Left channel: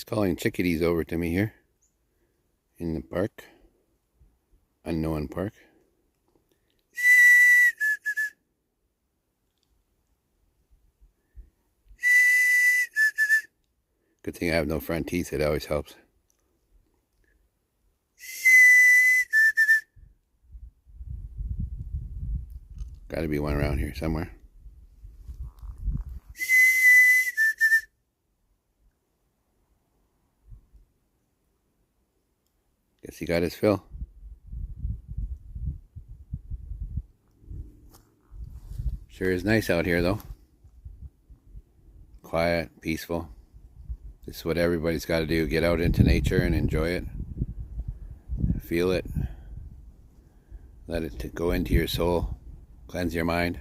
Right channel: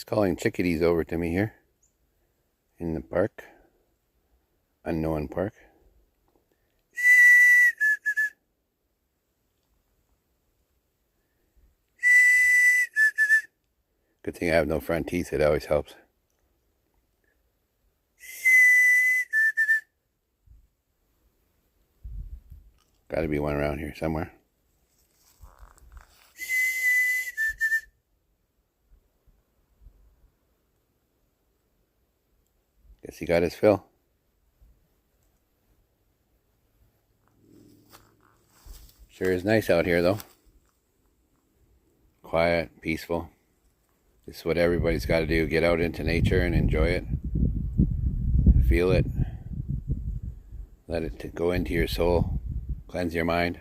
Just calling chickadees over to me here in the park, unknown park. Good thing I have no front teeth, it always helps. Gotta be one around here somewhere. Guess he got his fill. Sure is nice out here though. Quiet, peaceful. This is what everybody's got to do. Get out into nature and enjoy it. Feel it. Let it go into your soul. Cleanse your mind.